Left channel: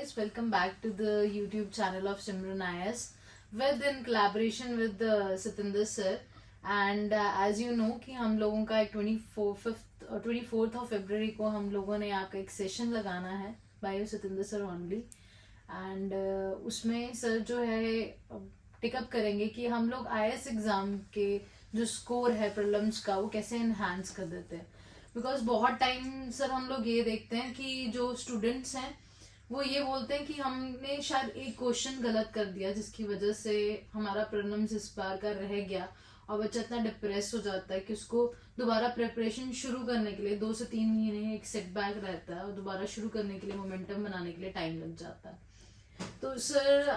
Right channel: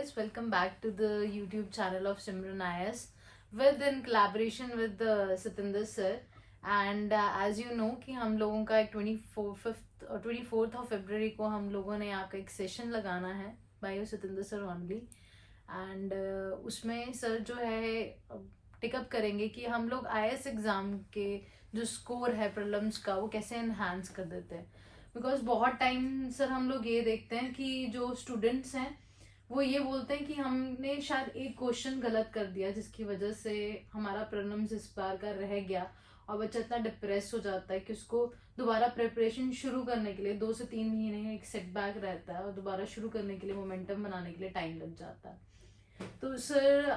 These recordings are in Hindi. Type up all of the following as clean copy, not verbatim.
guys, welcome back to the YouTube channel of Simran IS with in collaboration with Satinder sir. And as you know कि हम लोगों का एक 24th of February को हम लोगों ने यहाँ का एक सेशन लगाना है by Satinder sir only. And उसमें सर जो है टिकअप करेंगे कि हम लोग IS एग्जाम के जो स्कोर है प्रीलिम्स का वो कैसे एनहांस कर देते हैं. बिकॉज बहुत टाइम सर हम लोग ये देखते हैं कि जो स्टूडेंट्स हैं वो ये बोलते हैं कि हमने शायद एक क्वेश्चन गलत कर दिया जिसकी वजह से हमारा प्रीलिम्स इस बार का रह गया और बच्चा इतना डिप्रेस हो जाता है कि उसको दोबारा प्रिपरेशन शुरू करने के लिए 2 से 3 महीने एक सेटबैक रहता है और दोबारा शुरू करने के लिए मोमेंटम बनाने के लिए टाइम लग जाता है. तो सर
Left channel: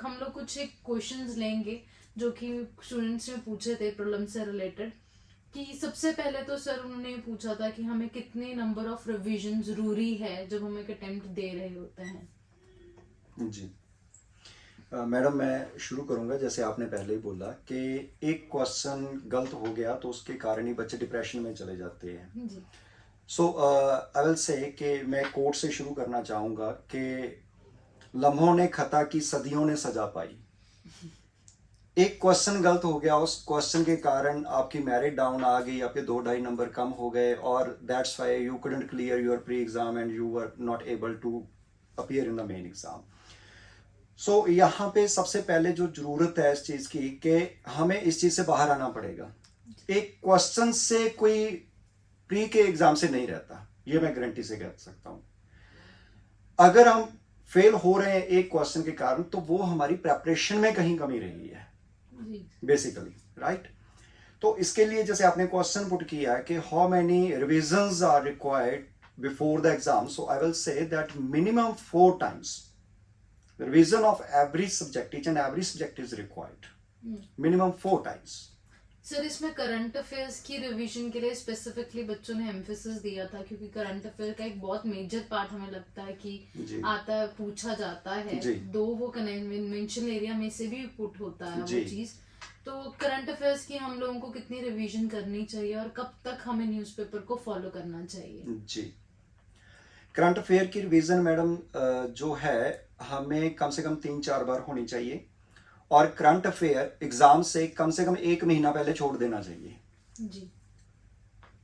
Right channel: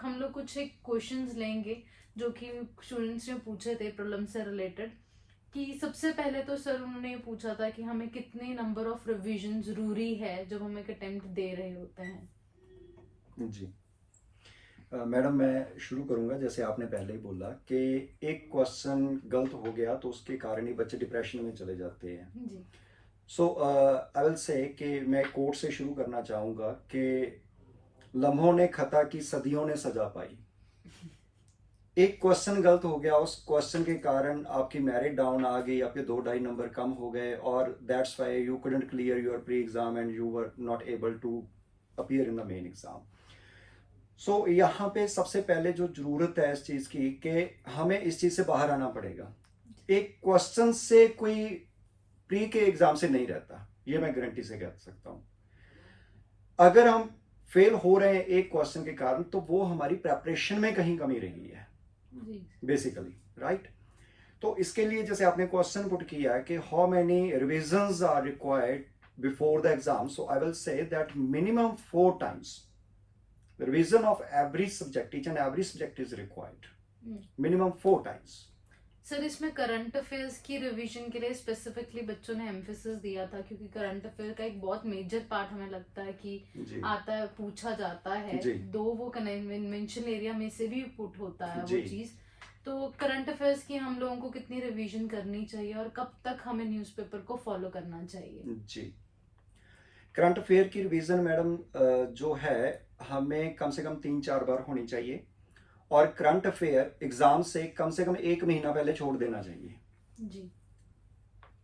हम लोग कुछ एक क्वेश्चंस लेंगे जो कि स्टूडेंट्स ने पूछे थे प्रीलिम्स से रिलेटेड. कि सबसे पहले तो सर उन्होंने पूछा था कि हमें कितने नंबर ऑफ रिवीजन जरूरी है जब हम एक अटेम्प्ट दे रहे होते हैं. जी मैडम, मैं शुरू करूंगा. जैसे आपने पहले ही बोला कि एक क्वेश्चन गलत हो गया तो उसके कारण ही बच्चे डिप्रेशन में चले जाते हैं. जी. सो आई विल से कि मैं कोट से शुरू करना चाहूँगा कि लम्हों ने खता की सदियों ने सजा पाई. एक क्वेश्चन गलत हो गया, उस क्वेश्चन के कारण आपकी मेरिट डाउन आ गई, आपके 2-2.5 नंबर कम हो गए और that's why you couldn't clear your pre exam and you were not able to appear in the main exam. So यहाँ पे सबसे पहले जो जरूरत है इस चीज़ की कि हमें इस चीज़ से बाहर आना पड़ेगा. एक क्वेश्चन से कोई प्री के एग्जाम से नहीं रहता, ये मैं गारंटी से कह सकता हूँ. अगर हम फेल हो रहे हैं एक क्वेश्चन के कारण तो वो हमारी प्रेपरेशन में कहीं कमी रही है बेसिकली, राइट. तो इसके लिए जैसे आपने क्वेश्चन पुट किया है कि how many revisions are required before the exam, so I will say that minimum 4 times revision of every subject, each and every subject is required minimum 4 times. Sir इसमें करंट अफेयर्स की रिवीजन के लिए स्पेसिफिकली बच्चों ने एम्फेसिस दिया था क्योंकि करंट अफेयर का एक बहुत मेजर पार्ट हमें लगता है कि आता है, पूछा जाता है. दो वो कन्वेंशन एरिया में से भी पुट होता है वो चीज. तो करंट अफेयर्स की हम लोगों को कितनी रिवीजन करनी चाहिए और कब तक हमें न्यूज़पेपर को फॉलो करना चाहिए? जी, करंट अफेयर की रिवीजन मैडम जो है हमें कम से कम 3-4 बार होनी चाहिए और करंट अफेयर एग्जाम से कम 1 महीना पहले छोड़ देना चाहिए. जी.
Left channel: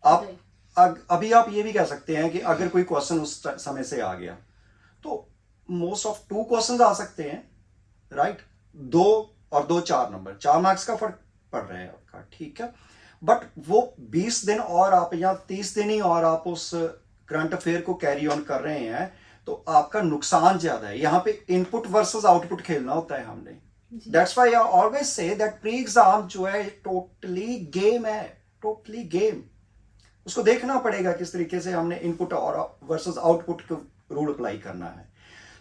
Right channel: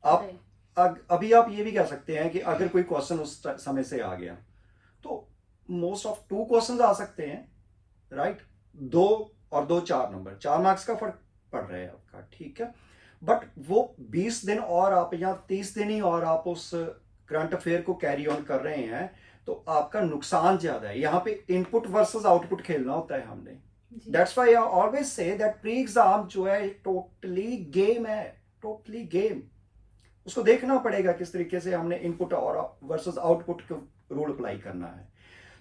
आप अभी आप ये भी कह सकते हैं कि अगर कोई क्वेश्चन उस समय से आ गया तो मोस्ट ऑफ 2 क्वेश्चंस आ सकते हैं, राइट. 2 और 2 4 नंबर, 4 मार्क्स का फर्क पड़ रहा है आपका, ठीक है. बट वो 20 दिन और आप या 30 दिन ही और आप उस करंट अफेयर को कैरी ऑन कर रहे हैं तो आपका नुकसान ज्यादा है. यहाँ पे इनपुट वर्सेस आउटपुट खेलना होता है हमने. That's why I always say that pre-exam जो है totally game है, totally game. उसको देखना पड़ेगा किस तरीके से हमने इनपुट और वर्सेस आउटपुट को रूल अप्लाई करना है.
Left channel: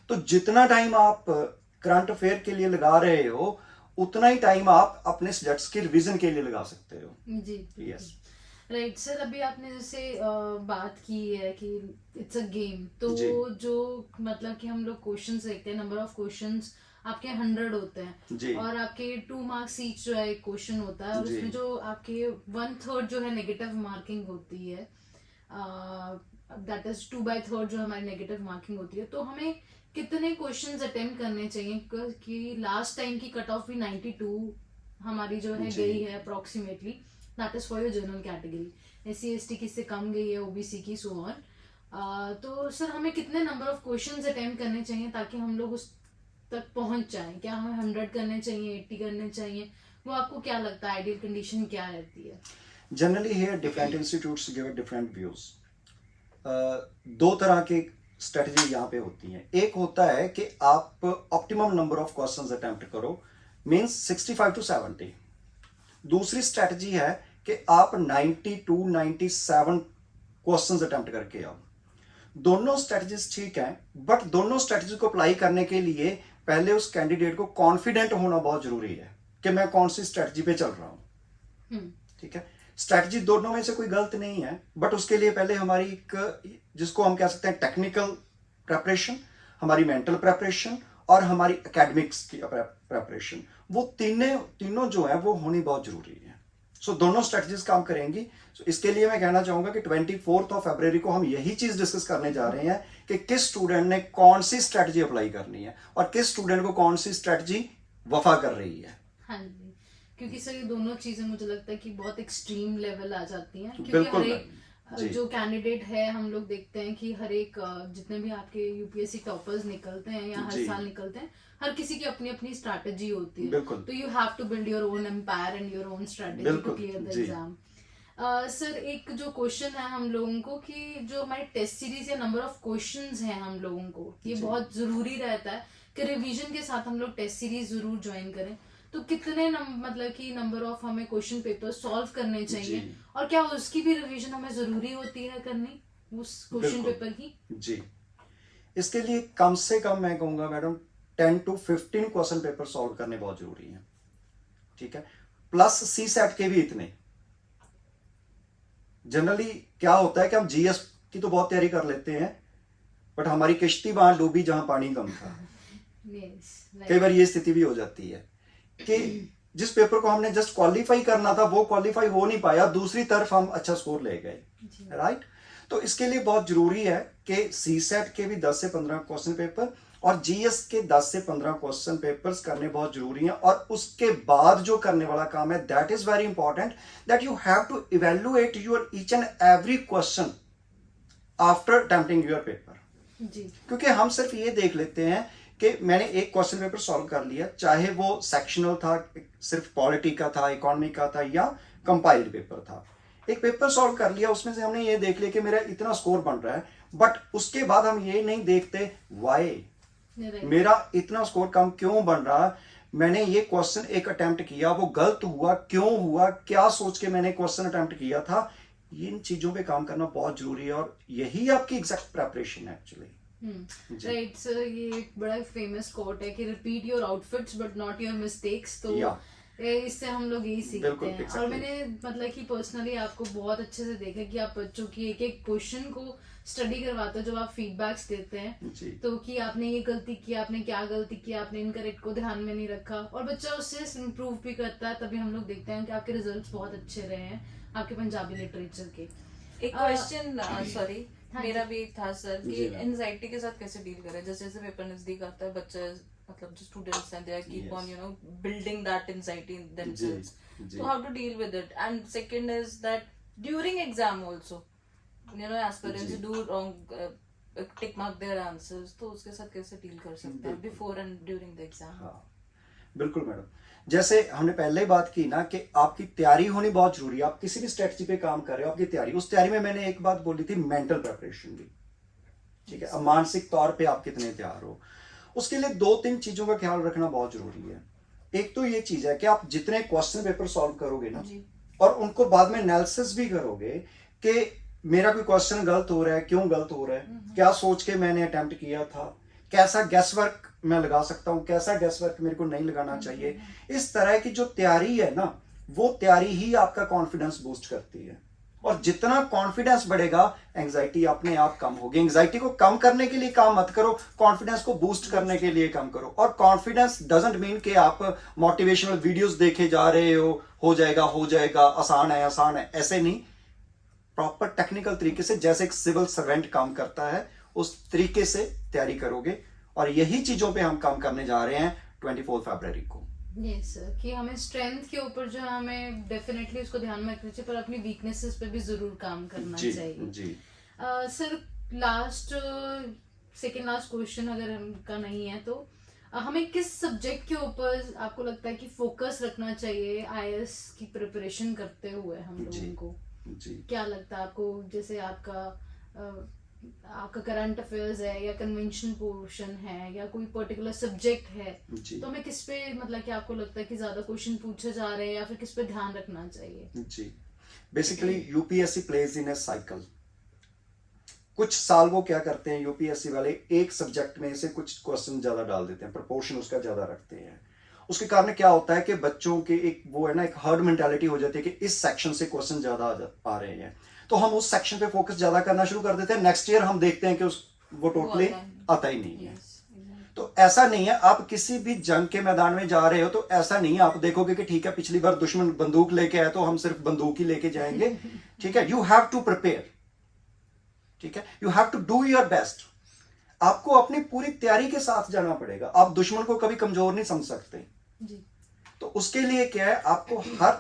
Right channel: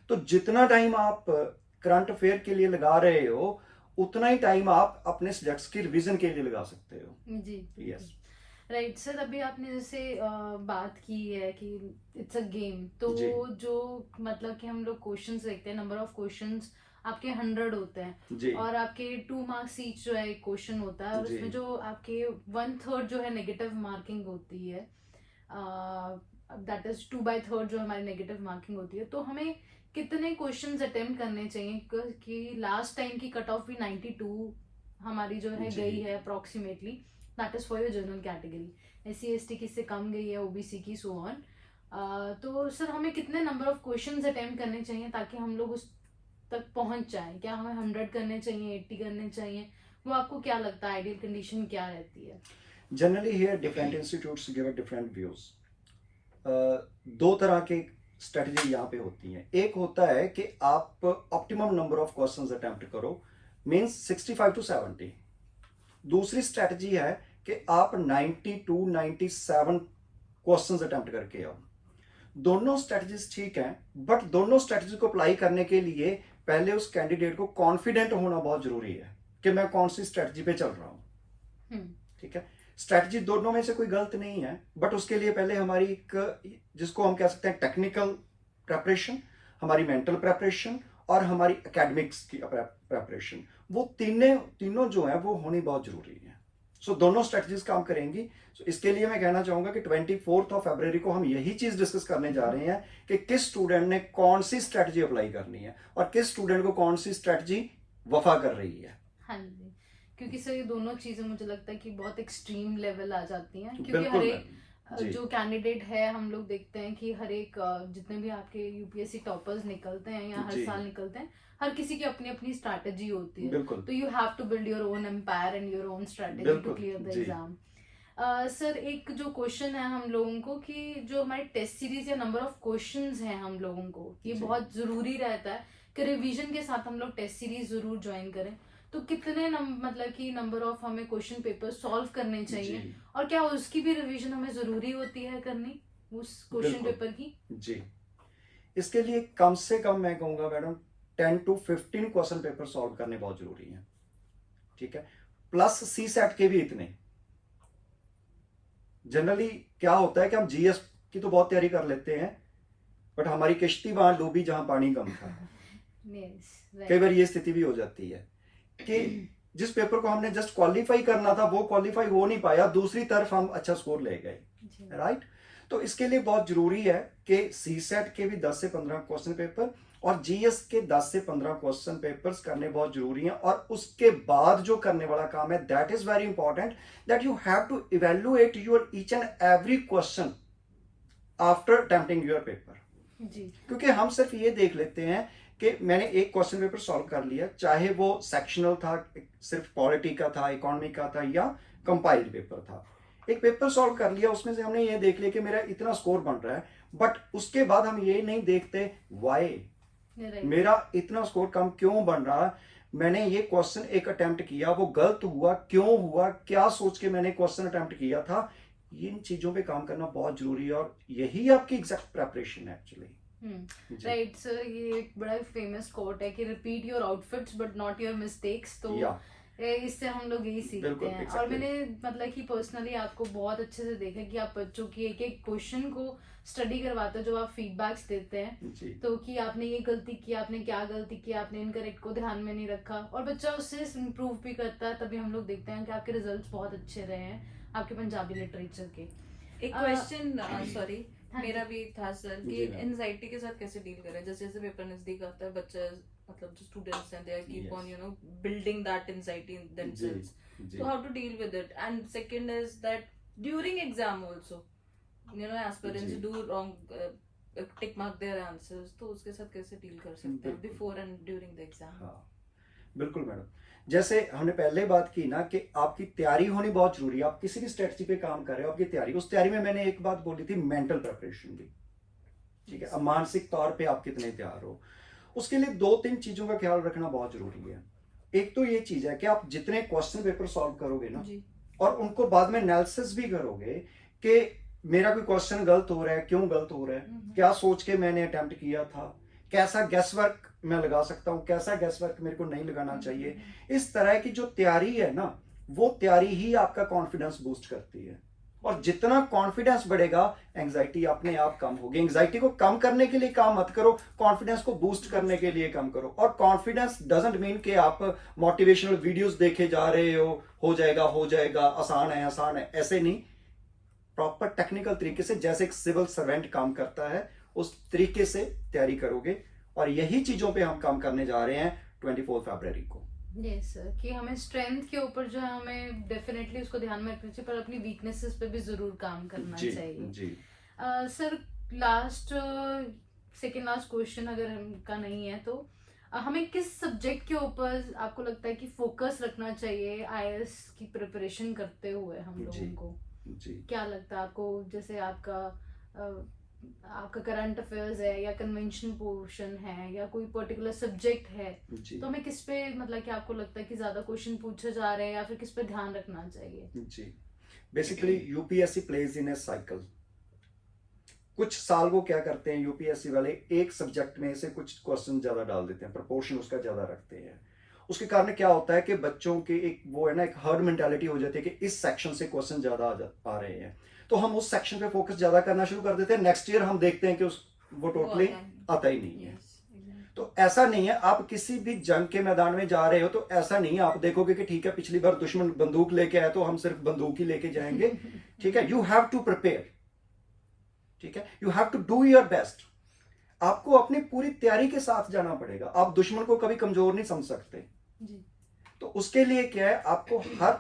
तो जितना टाइम आप करंट अफेयर के लिए लगा रहे हो उतना ही टाइम आप अपने सब्जेक्ट्स की रिवीजन के लिए लगा सकते हो. जी. Yes, right. सर अभी आपने जैसे बात की है कि इट्स अ गेम, तो जो मतलब कि हम लोग क्वेश्चंस देखते हैं, नंबर ऑफ क्वेश्चंस आपके 100 होते हैं और आपके 2 मार्क्स ईच जो है एक क्वेश्चन होता है और उसमें जो आपके 1/3 जो है नेगेटिव मार्किंग होती है, दैट इज 2/3 जो हमारी नेगेटिव मार्किंग होती है. तो हमें कितने क्वेश्चंस अटेम्प्ट करने चाहिए कि लास्ट टाइम की कट ऑफ भी 92 हमारी जो है गई है approximately, that is for your general category. SC ST की से कम गई है, OBC की, सो ऑन. तो सर हमें कितने नंबर ऑफ क्वेश्चंस अटेम्प्ट करने चाहिए ताकि हम लोग उस तक पहुंच जाएं? क्या हमें 100 करने चाहिए, 80 करने चाहिए? वो आपको क्या लगता है आइडियल कंडीशन क्या रहती है? Generally here different institutes give different views. 2 तरह के स्ट्रेटजी यहाँ पे होती हैं. एक होता है कि आप optimum number of questions attempt करो, मींस 65 to 70. दूसरी स्ट्रेटजी है कि आप 90 to 97 क्वेश्चंस अटेम्प्ट करके आओ. दोनों स्ट्रेटजीज ठीक हैं, बट दोनों स्ट्रेटजी को अप्लाई करने के लिए पहले उस कैंडिडेट को कॉन्फिडेंट होना बहुत जरूरी है कि मैं कौन सी स्ट्रेटजी पे चल रहा हूं. ठीक है, स्ट्रेटजी दोनों में से कोई गलत नहीं है, बट उसके लिए पहले हमारी एक जिसको हम कह सकते हैं टेक्निकल प्रेपरेशन, हमारी मेंटल प्रेपरेशन और हमारी एकेडमिक्स की प्रेपरेशन, वो तीनों जो है वो होनी बहुत जरूरी है. सो दोनों स्ट्रेटजीज काम करेंगी। सो इसके लिए मैं कहना चाहूंगा कि 24 फरवरी को हम यही चीज डिस्कस करने जा रहे हैं कि किस स्टूडेंट ने कौन सी स्ट्रेटजी अप्लाई करनी है और किस स्टूडेंट को कौन सी स्ट्रेटजी वफा कर रही है। हाँ जी, क्योंकि सर ये दोनों चीजें मुझे लगता है कि बहुत एक्सट्रीम लेवल आ जाती हैं, क्योंकि बिल्कुल हर एक जी। जो कैंडिडेट है, हम लोग देखते हैं कि हर एक जितने भी आपके यूपीएससी टॉपर्स निकलते हैं या हर जी। साल निकलते हैं, हर किसी की अपनी अपनी स्ट्रैटेजी होती है। बिल्कुल तो you have to build your own empire and your own strategy to बिल्कुल क्लियर द जी। एग्जाम। सर एक जो क्वेश्चन है हम लोगों को कि जो हमारी टेस्ट सीरीज या नंबर ऑफ क्वेश्चंस हैं हम लोगों को, ये जी। बहुत जरूरी रहता है कि रिवीजन के साथ हम लोग टेस्ट सीरीज जरूर ज्वाइन करें। तो कितने मतलब कि नंबर ऑफ हमें क्वेश्चन पेपर सॉल्व करने चाहिए जी। और क्या उसकी भी रिवीजन हमें जरूरी होती है करनी उस क्वेश्चन बिल्कुल। पेपर की? जी, इसके लिए कम से कम मैं कहूंगा madam 10 to 15 question paper solve करने बहुत जरूरी है, ठीक है। प्लस सी सेट के भी इतने। जनरली क्या होता है कि हम जीएस की तो बहुत तैयारी कर लेते हैं, बट हमारी किश्ती वहां डूबी जहां पानी कम था। Yes, right. कई बार ये स्थिति भी हो जाती है कि जिस पेपर को हमने जस्ट क्वालिफाई करना था वो क्वालिफाई हो नहीं पाया, दूसरी तरफ हम अच्छा स्कोर ले गए, जी। राइट। तो इसके लिए बहुत जरूरी है कि सी सेट के भी 10 से 15 क्वेश्चन पेपर और जीएस के 10 से 15 क्वेश्चन पेपर्स करने बहुत जरूरी हैं। और उसके बाद जो करने वाला काम है, that is very important, that you have to evaluate your each and every question after attempting your paper. जी। क्योंकि हम सिर्फ ये देख लेते हैं कि मैंने एक क्वेश्चन पेपर सॉल्व कर लिया, चाहे वो सेक्शनल था, सिर्फ पॉलिटी का था, इकोनॉमी का था या कंपाइल्ड पेपर था। एक पेपर सॉल्व कर लिया, उसमें से हमने ये देख लिया कि मेरा इतना स्कोर बन रहा है, बट उसके बाद हम ये नहीं देखते वाई मेरा इतना स्कोर कम क्यों बन रहा, मैंने ये क्वेश्चन एक अटेम्प्ट किया, वो गलत हुआ, क्यों हुआ, क्या सोच के मैंने क्वेश्चन अटेम्प्ट किया था। इन चीजों पे काम करना बहुत जरूरी है और यही आपकी एग्जैक्ट प्रेपरेशन है एक्चुअली। राइट सर, ये एक बड़ा फेमस कोट है कि repeat your outfits but not your mistakes. तो इससे हम लोग यही सीखते हैं। और मैंने मतलब कि पर्सनली आपको बहुत अच्छे से देखा कि आप बच्चों की एक एक क्वेश्चन को स्टडी करवाते हो, जब आप फीडबैक्स देते हैं तो कि आपने ये गलती की, आपने क्या गलती की, आपने इनकरेक्ट को ध्यान में नहीं रखा, और बच्चा उससे इम्प्रूव भी करता है। तभी हम लोग देखते हैं कि आपके रिजल्ट्स बहुत अच्छे रहे हैं आपके पंजाबी लिटरेचर के। एक क्वेश्चन सॉरी हाँ मेरा जी। भी एक था सर कि एंजाइटी के साथ कैसे डील करें। जैसे जैसे पेपर नजदीक आता है, बच्चे मतलब जो स्टूडेंट्स हैं, they keep on building that anxiety in themselves, so how to deal with it. And second is that during exam also, aspirants do wrong, tick mark their answers, तो उसके साथ कैसे डील कर सकते हैं before and during the exam? हाँ बिल्कुल मैडम, जैसे हमने पहले बात की ना कि आपकी तैयारी होनी बहुत जरूरी है। आप किसी भी स्ट्रेटजी पे काम कर रहे हो, आपकी तैयारी, उस तैयारी में मैंने एक बात बोली थी, मेंटल प्रेपरेशन भी, ठीक है। अब मानसिक तौर पे आप कितने तैयार हो, उसके लिए 2-3 चीजों का ख्याल रखना बहुत जरूरी है। एक तो ये चीज है कि आप जितने क्वेश्चन पेपर सॉल्व करोगे ना और उनको बाद में एनालिसिस भी करोगे कि मेरा कोई क्वेश्चन गलत हो रहा है, क्यों गलत हो रहा है, क्या सोच के मैंने अटेम्प्ट किया था, कैसा गैस वर्क मैं लगा सकता हूँ, कैसा गैस वर्क मेरे को नहीं लगाना चाहिए। इस तरह की जो तैयारी है ना, वो तैयारी ही आपका कॉन्फिडेंस बूस्ट करती है। और जितना कॉन्फिडेंस बढ़ेगा, एंजाइटी अपने आप कम होगी। एंजाइटी को कम करने के लिए काम मत करो, कॉन्फिडेंस को बूस्ट करने के लिए काम करो। और कॉन्फिडेंस डजंट मीन कि आप मोटिवेशनल वीडियोस देखे जा रहे हो जाएगा, आसान है, ऐसे नहीं। प्रॉपर टेक्निकल तरीके से, जैसे एक सिविल सर्वेंट काम करता है, उस तरीके से तैयारी करोगे। और यही चीजों पे हम काम करने जा रहे हैं 24 फरवरी को। यस सर, कि हमें स्ट्रेंथ के ऊपर जो है हमें डेफिनेटली उसको ध्यान में रखना चाहिए, पर अपनी वीकनेसेस पे भी जरूर काम करना चाहिए। जी सर सेकेंड लास्ट क्वेश्चन अगर का नहीं है तो हमें किस सब्जेक्ट के ऊपर आपको लगता है कि फोकस रखना चाहिए आईएएस की प्रिपरेशन करते हुए हम लोगों को? क्या लगता है आपको? जैसे आपका करंट अफेयर्स है या कन्वेंशन पोर्शन है या कोई पर्टिकुलर सब्जेक्ट है, तो हमें किस पे मतलब कि आपको लगता है कि ज्यादा क्वेश्चन पूछे जा रहे हैं या फिर किस पे ध्यान रखना चाहिए? जी, basically UPSC plays in A cycle. कुछ साल वो क्या करते हैं यूपीएससी वाले, एक सब्जेक्ट में से कुछ क्वेश्चन ज्यादा डाल देते हैं, प्रोपोर्शन उसका ज्यादा रखते हैं। उसके कारण क्या होता है कि बच्चों के एक वो है ना, एक हर्ड मेंटालिटी हो जाती है कि इस सेक्शन से क्वेश्चन ज्यादा आ रहे हैं, तो हम उस सेक्शन पे फोकस ज्यादा करना शुरू कर देते हैं। नेक्स्ट ईयर हम देखते हैं कि वो टोटली आता ही नहीं है। तो ऐसा नहीं है, आप किसी भी जंग के मैदान में जा रहे हो तो ऐसा नहीं है आप देखोगे कि ठीक है पिछली बार दुश्मन बंदूक लेके आया तो हम सिर्फ बंदूक ही लेके जाएंगे। ठीक है, यू हैव टू प्रिपेयर, ठीक है, you have to do your best. आपको अपनी पूरी तैयारी के साथ जाना पड़ेगा, आप दुश्मन को कभी कमजोर नहीं समझ सकते जी। तो उसके लिए क्या है, आपको हर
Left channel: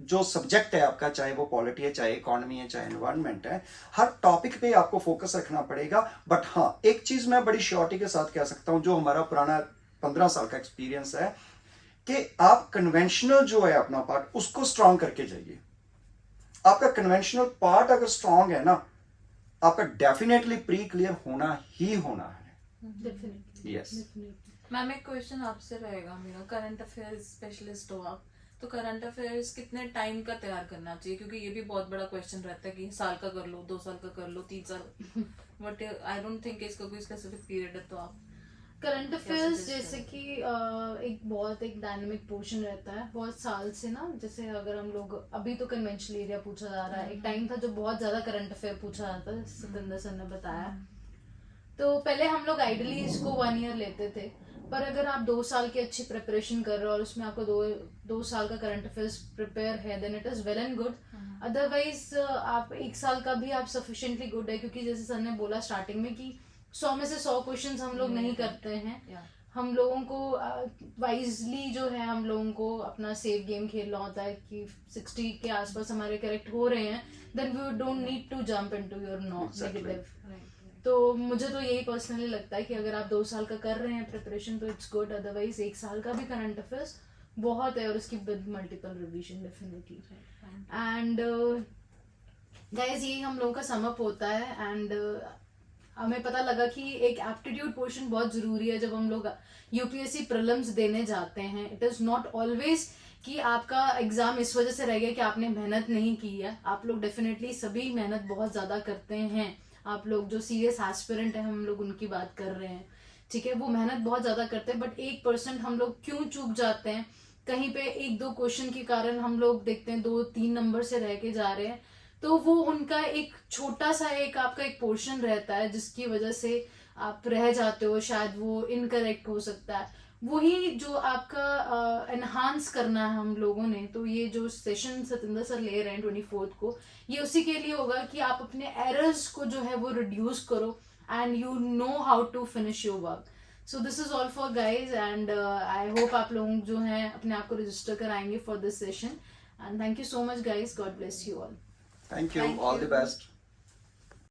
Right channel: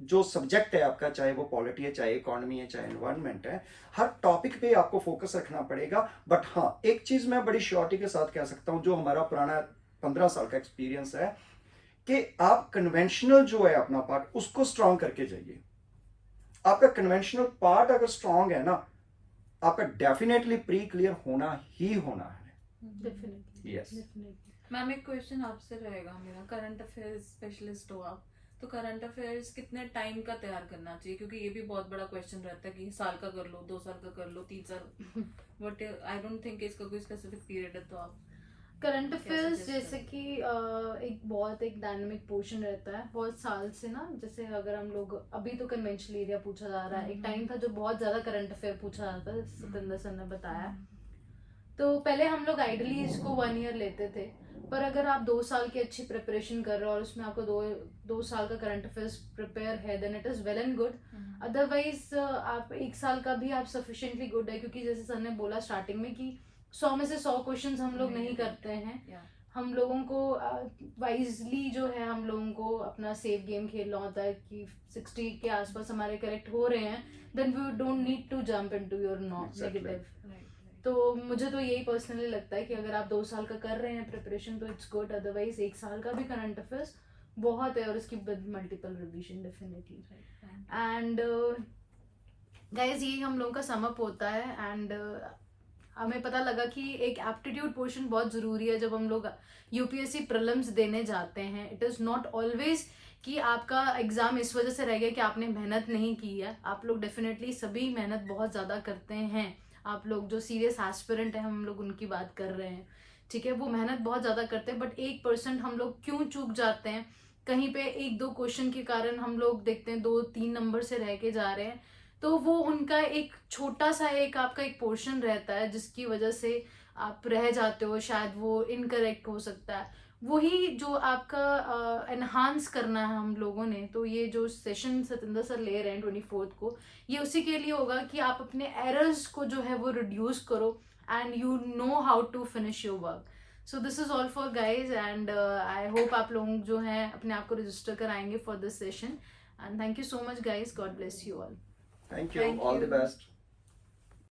जो सब्जेक्ट है आपका, चाहे वो पॉलिटी है, चाहे इकोनॉमी है, चाहे एनवायरनमेंट है, हर टॉपिक पे आपको फोकस रखना पड़ेगा। बट हाँ, एक चीज मैं बड़ी श्योरिटी के साथ कह सकता हूं, जो हमारा पुराना 15 साल का एक्सपीरियंस है, कि आप कन्वेंशनल जो है अपना पार्ट उसको स्ट्रांग करके जाइए। आपका कन्वेंशनल पार्ट अगर स्ट्रांग है ना, आपका डेफिनेटली प्री क्लियर होना ही होना है। Definitely Yes. मैम एक क्वेश्चन आपसे रहेगा मेरा, करंट अफेयर्स स्पेशलिस्ट हो आप, तो करंट अफेयर्स कितने टाइम का तैयार करना चाहिए, क्योंकि ये भी बहुत बड़ा क्वेश्चन रहता है कि साल का कर लो, 2 साल का कर लो, 3 साल, बट आई डोंट थिंक इसका कोई स्पेसिफिक पीरियड है, तो आप करंट कैसे अफेयर्स suggest जैसे करें? कि एक बहुत एक डायनेमिक पोर्शन रहता है बहुत साल से ना। जैसे अगर हम लोग अभी तो कन्वेंशनल एरिया पूछा जा रहा है, एक टाइम था जो बहुत ज्यादा करंट अफेयर पूछा जाता था, सतिंदर सर ने बताया। तो पहले हम लोग आइडली इसको 1 ईयर लेते थे, पर अगर आप 2 साल की अच्छी प्रिपरेशन कर रहे हो और उसमें आपको दो साल का करंट अफेयर्स प्रिपेयर है, then it is well and good. Otherwise आप 1 साल का भी आप सफिशिएंटली गुड है, क्योंकि जैसे सर ने बोला स्टार्टिंग में कि 100 में से 100 क्वेश्चंस हम लोग नहीं करते हैं। Yeah. हम लोगों को वाइजली जो है हम लोगों को अपना सेफ गेम खेलना होता है कि 60 के आसपास हमारे करेक्ट हो रहे हैं, then we don't need to jump into your Exactly. नेगेटिव। तो मुझे तो यही पर्सनली लगता है कि अगर आप 2 साल का कर रहे हैं प्रिपरेशन तो इट्स गुड, अदरवाइज 1 साल का भी करंट अफेयर्स बहुत है और उसकी with multiple revision definitely. And guys यही हम लोगों का समअप होता है। एंड हमें पता लगा कि एक एप्टीट्यूड पोर्शन बहुत जरूरी है जब हम लोग यूपीएससी प्रीलिम्स देने जाते हैं। इट इज नॉट ऑलवेज कि आपका एग्जाम इस वजह से रह गया कि आपने मेहनत नहीं की है। आप लोग डेफिनेटली सभी मेहनत बहुत ज्यादा करते हैं। आप लोग जो सीरियस एस्पिरेंट है हम लोग उनकी बात कर रहे हैं, ठीक है, वो मेहनत बहुत ज्यादा करते हैं, बट 1% हम लोग क्यों चूक जाते हैं कहीं पे 1-2 क्वेश्चन के कारण हम लोग देखते हैं 2-3 नंबर से रह के जा रहे हैं। तो वो उनका एक छोटा सा एक आपका एक पोर्शन रहता है जिसकी वजह से आप रह जाते हो, शायद वो इनकरेक्ट हो सकता है। वही जो आपका एनहांस करना है हम लोगों ने, तो ये जो सेशन सतिंदर सर ले रहे हैं 24th को, ये उसी के लिए होगा कि आप अपने एरर्स को जो है वो रिड्यूस करो and you know how to finish your work. So this is all for guys and I hope आप लोग जो हैं अपने आप को रजिस्टर कराएंगे for this session. And thank you so much guys, God bless you all. Thank you. Thank All the you. best.